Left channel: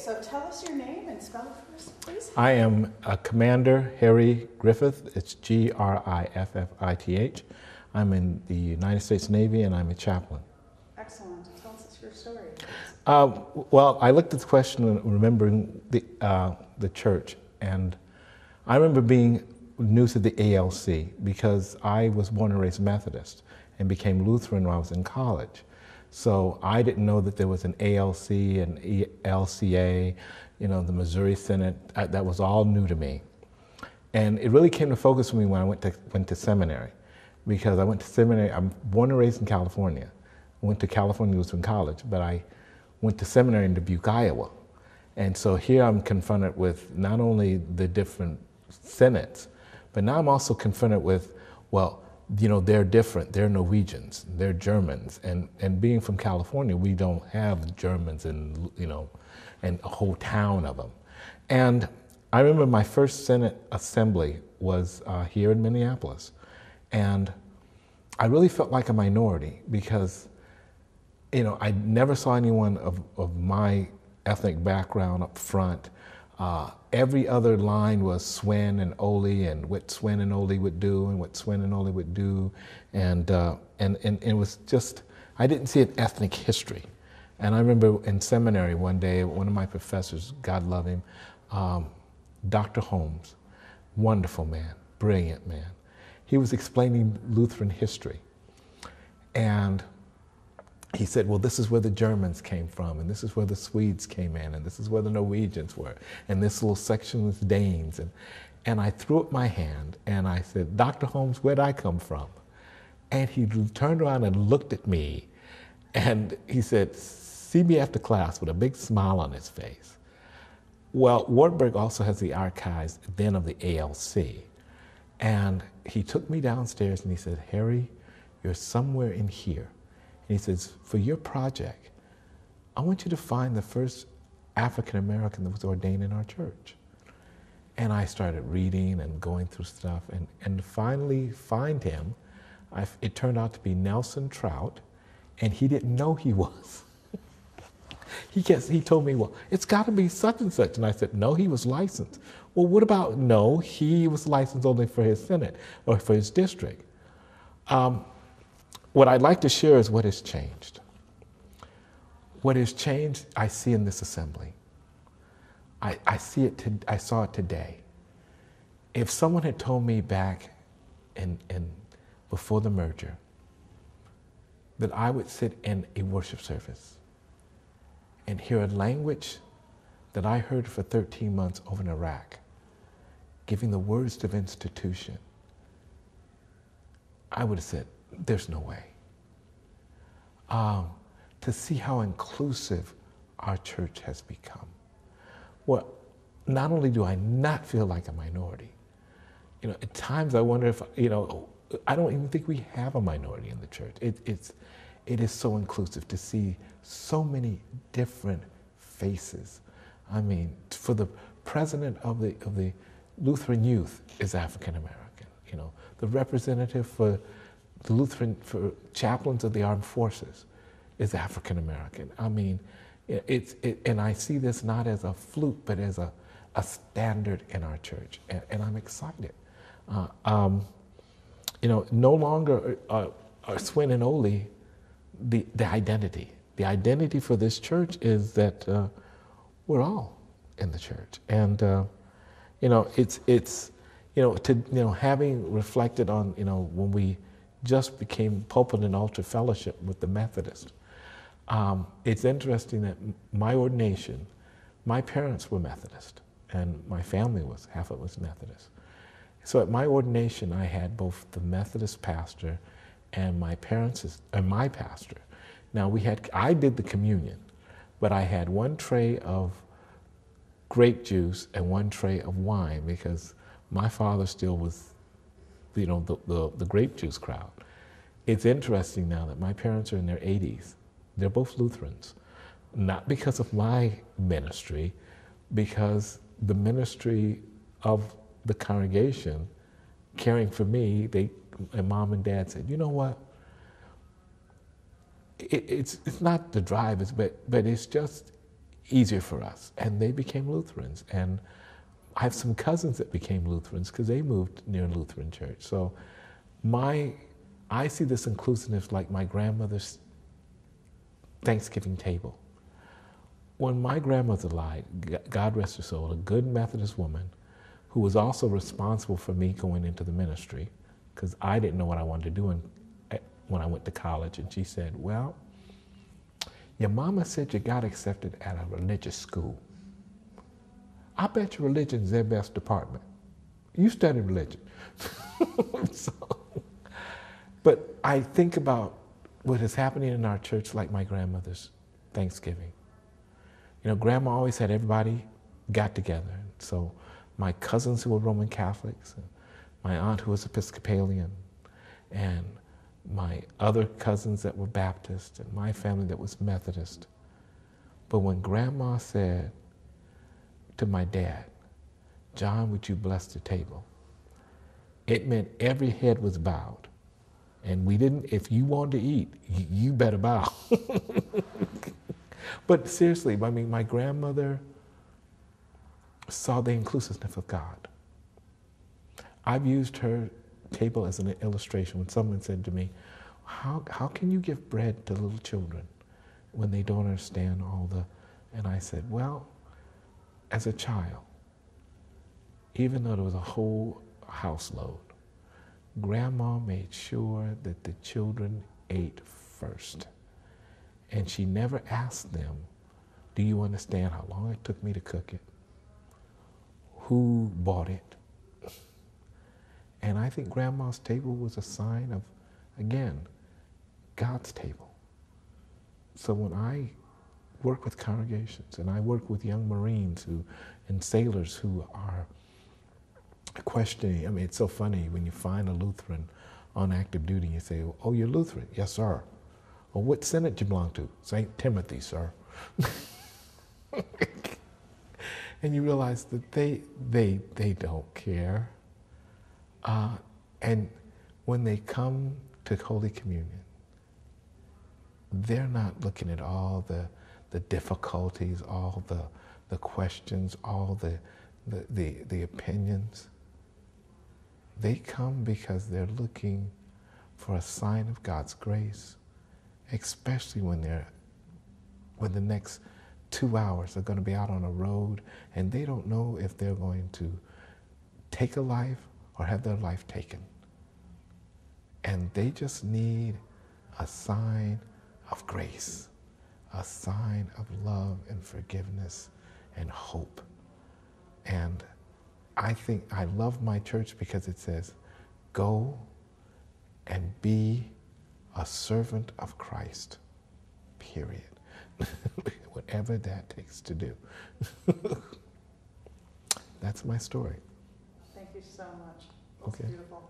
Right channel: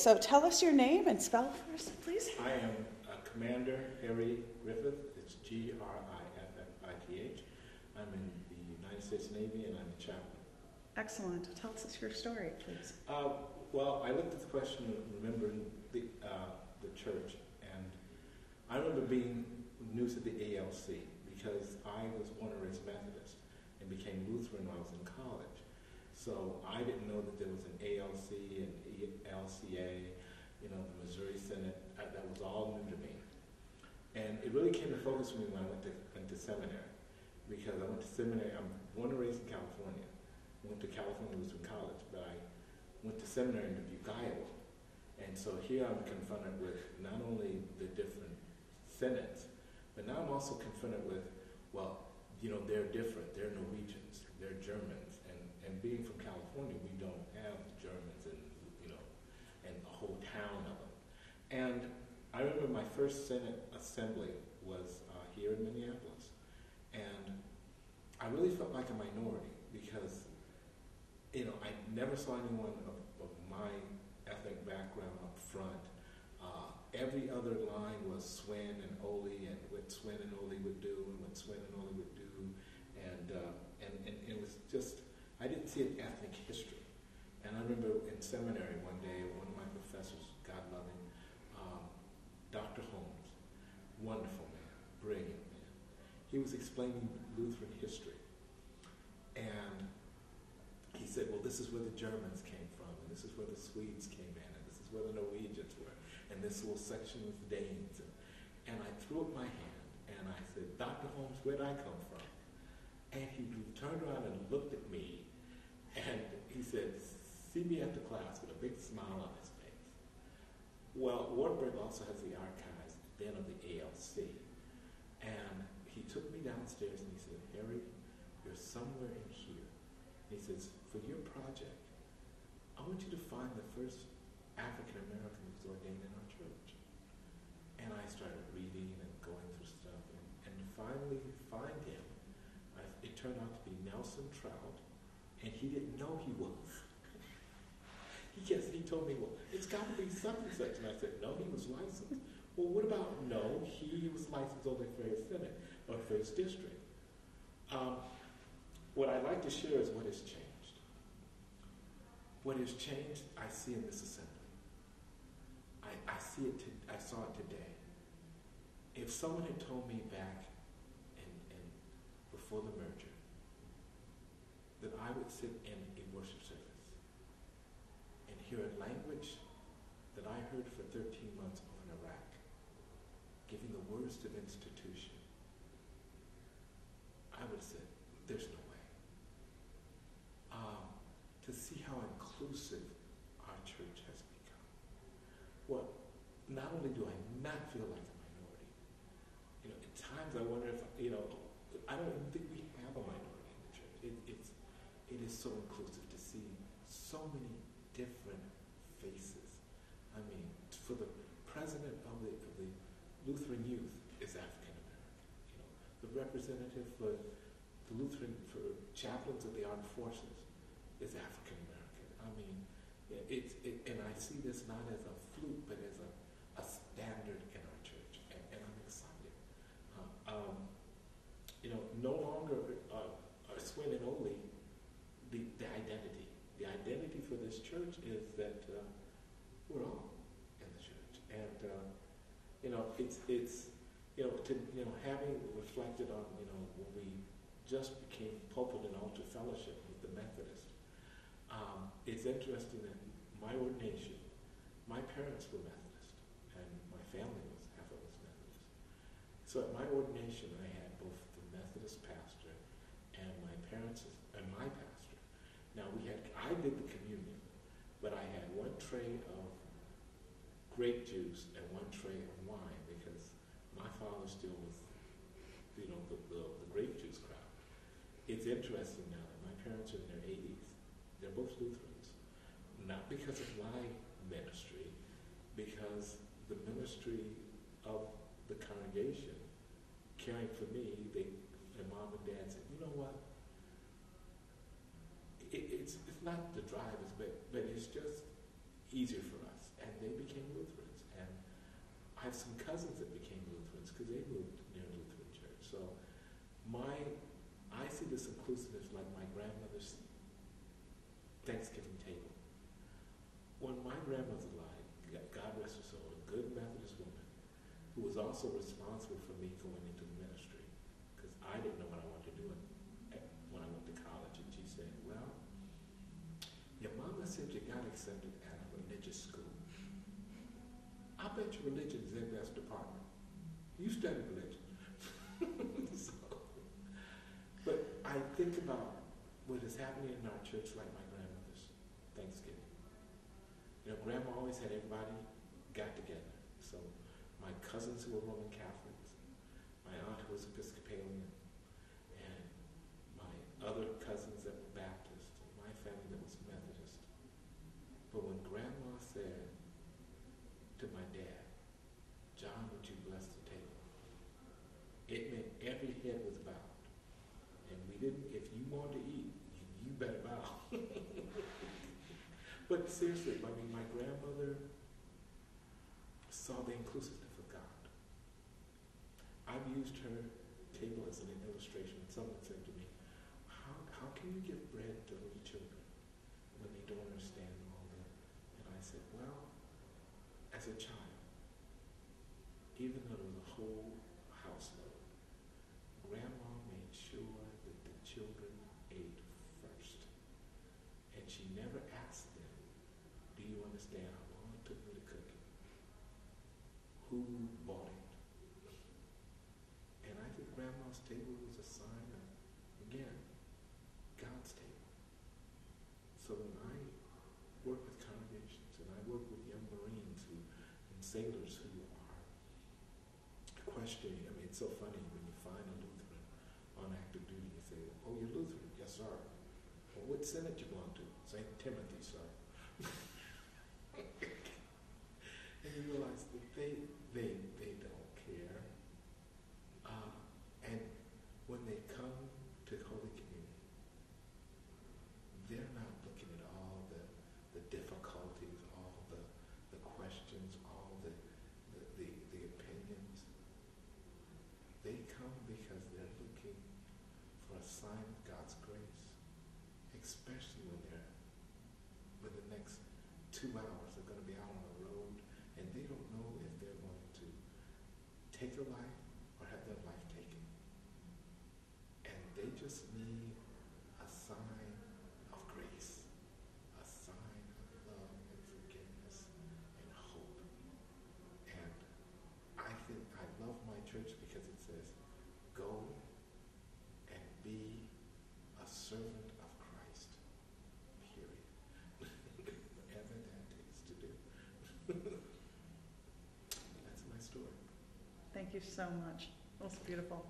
So tell us your name and spell it for us, please. I am Commander Harry Griffith. It's Griffith. I'm in the United States Navy and I'm a chaplain. Excellent. Tell us your story, please. Well, I looked at the question remembering the church, and I remember being new to the ELCA because I was born and raised Methodist and became Lutheran when I was in college. So I didn't know that there was an ELCA and ELCA, you know, the Missouri Synod. That was all new to me. And it really came to focus for me when I went to seminary, because I went to seminary. I'm born and raised in California. I went to California Lutheran College, but I went to seminary in Dubuque, Iowa. And so here I'm confronted with not only the different synods, but now I'm also confronted with, well, you know, they're different. They're Norwegians, they're Germans, and being from California, we don't have Germans and, you know, and a whole town of them. And I remember my first Senate assembly was here in Minneapolis, and I really felt like a minority because, you know, I never saw anyone of my ethnic background up front. Every other line was Swen and Ole and what Swen and Ole would do and what Swen and Ole would do. And it was just, I didn't see an ethnic history. And I remember in seminary one day, one of my professors, God love him, Dr. Holmes, wonderful man, brilliant man. He was explaining Lutheran history. And he said, well, this is where the Germans came from, and this is where the Swedes came in, and this is where the Norwegians were, and this little section was Danes. And I threw up my hand, and I said, Dr. Holmes, where'd I come from? And he turned around and looked at me, and he said, see me after class, with a big smile on his face. Well, Wartburg also has the archives then of the ELCA. And he took me downstairs, and he said, Harry, you're somewhere in here. He says, for your project, I want you to find the first African-American that was ordained in our church. And I started reading and going through stuff, and finally find him. It turned out to be Nelson Trout, and he didn't know he was. He told me, well, it's got to be such and such. And I said, no, he was licensed. Well, what about, no, he was licensed only for his Senate or for his district. What I'd like to share is what has changed. What has changed, I see in this assembly. I saw it today. If someone had told me back before the merger that I would sit in a worship service and hear a language that I heard for 13 months over in Iraq, giving the words of institution, I would have said, there's no way. To see how inclusive our church has become. Well, not only do I not feel like a minority, you know, at times I wonder if, you know, I don't even think we have a minority in the church. It is so inclusive to see so many different faces. I mean, for the president of the Lutheran Youth is African American, you know, the representative for the Lutheran, for chaplains of the armed forces is African American. I mean, and I see this not as a fluke, but as a standard in our church, and I'm excited. You know, no longer are Swin and Ole the identity. The identity for this church is that we're all in the church, and you know, it's you know, having reflected on, you know, when we just became pulpit and altar fellowship with the Methodist. It's interesting that my ordination, my parents were Methodist, and my family was, half of it was Methodist. So at my ordination, I had both the Methodist pastor and my parents and my pastor. Now I did the communion, but I had one tray of grape juice and one tray of wine because my father still was, you know, the grape juice crowd. It's interesting now that my parents are in their 80s. They're both Lutherans, not because of my ministry, because the ministry of the congregation caring for me, and mom and dad said, you know what? It's not the drive, but it's just easier for us. And they became Lutherans. And I have some cousins that became Lutherans because they moved near a Lutheran church. So I see this inclusiveness like my grandmother's Thanksgiving table. When my grandmother died, God rest her soul, a good Methodist woman who was also responsible for me going into the ministry, because I didn't know what I wanted to do when I went to college. And she said, well, your mama said you got accepted at a religious school. I bet your religion's their best department. You study religion. But I think about what is happening in our church like my grandmother's Thanksgiving. You know, Grandma always had everybody got together. So my cousins who were Roman Catholics, and my aunt who was Episcopalian, and my other cousins that were Baptist, and my family that was Methodist. But when Grandma said to my dad, John, would you bless the table? It meant every head was bowed. And we didn't, if you wanted to eat, you better bow. But seriously, I mean, my grandmother saw the inclusiveness of God. I've used her table as an illustration when someone said to me, how can you give bread to little children when they don't understand all the, and I said, well, as a child, even though there was a whole house load, Grandma made sure that the children ate first. And she never asked them, do you understand how long it took me to cook it? Who bought it? And I think Grandma's table was a sign of, again, God's table. So when I work with congregations and I work with young Marines and sailors who are questioning, I mean, it's so funny when you find a Lutheran on active duty, you say, oh, you're Lutheran? Yes, sir. Well, what synod you belong to? St. Timothy, sir. And you realize that they don't care. And when they come to Holy Communion, they're not looking at all the difficulties, all the questions, all the opinions. They come because they're looking for a sign of God's grace, especially when the next 2 hours are going to be out on a road and they don't know if they're going to take a life or have their life taken. And they just need a sign of grace, a sign of love and forgiveness and hope. And I think I love my church because it says, go and be a servant of Christ, period. Whatever that takes to do. That's my story. Thank you so much. That's Okay. beautiful.